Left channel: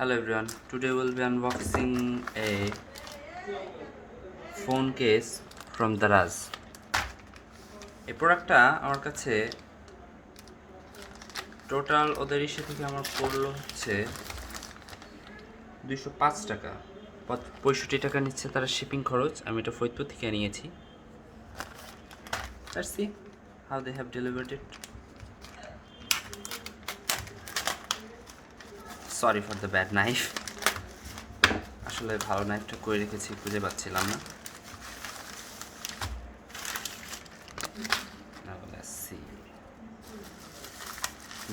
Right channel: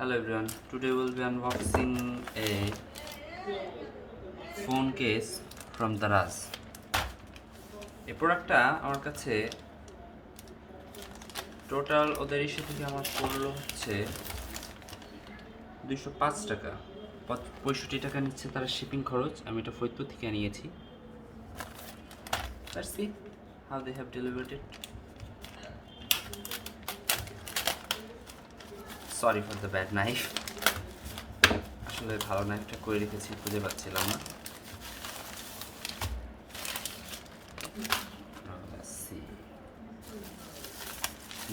Hello everyone, today we'll be unboxing a phone case from Daraz. এই প্রোডাক্টটা আমার কাছে টোটাল ওদের ইস্যু থেকে আমার পড়লো হচ্ছে 205 টাকা, 65 টাকা নিচ্ছে তারা শিপিং খরচ। আমি এটা ফরিদপুর থেকে নিয়েছি। Let's see how they have delivered it. Sorry for the bad knife. আসলে ভালো নাইফটা করে রেখেছি, খুঁজে পাচ্ছিলাম না।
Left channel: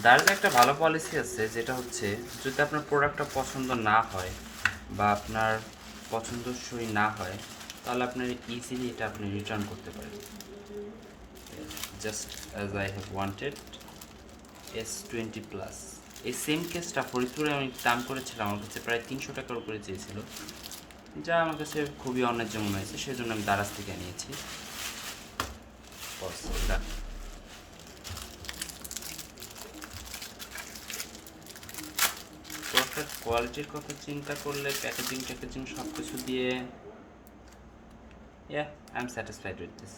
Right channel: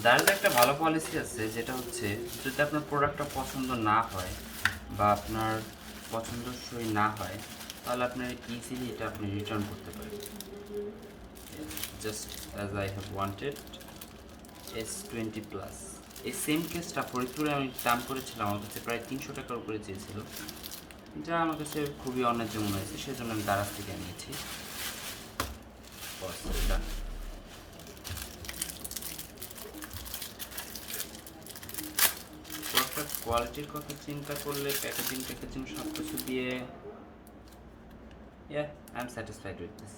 দারাজের একটা ভালো পলিসি আছে, যেটা হচ্ছে যদি আপনার প্রোডাক্টটা পছন্দ না হয় বা আপনার পছন্দসই না হয়, তাহলে আপনার ইজিলি এটা আপনি রিটার্ন করতে পারেন। Just as I have wanted S20 plus. এই সেম কেসটা ফরিদপুরে আমি দাম করেছিলাম, আমার কাছে প্রায় 300 টাকার উপরে চেয়েছিল, যা আমার কাছে খুবই অন্যায্য মনে হয়েছে, সেজন্য আমি দারাজ থেকে নিয়েছি। প্রোডাক্টের কোয়ালিটির কথা চিন্তা করলে প্যাকেজিং সব কিছু দিয়ে I am satisfied with this.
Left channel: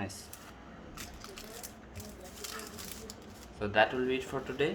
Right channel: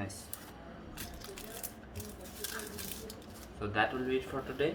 Nice. So that will be it for today.